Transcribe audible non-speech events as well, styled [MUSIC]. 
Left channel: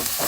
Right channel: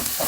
Thank [LAUGHS] you.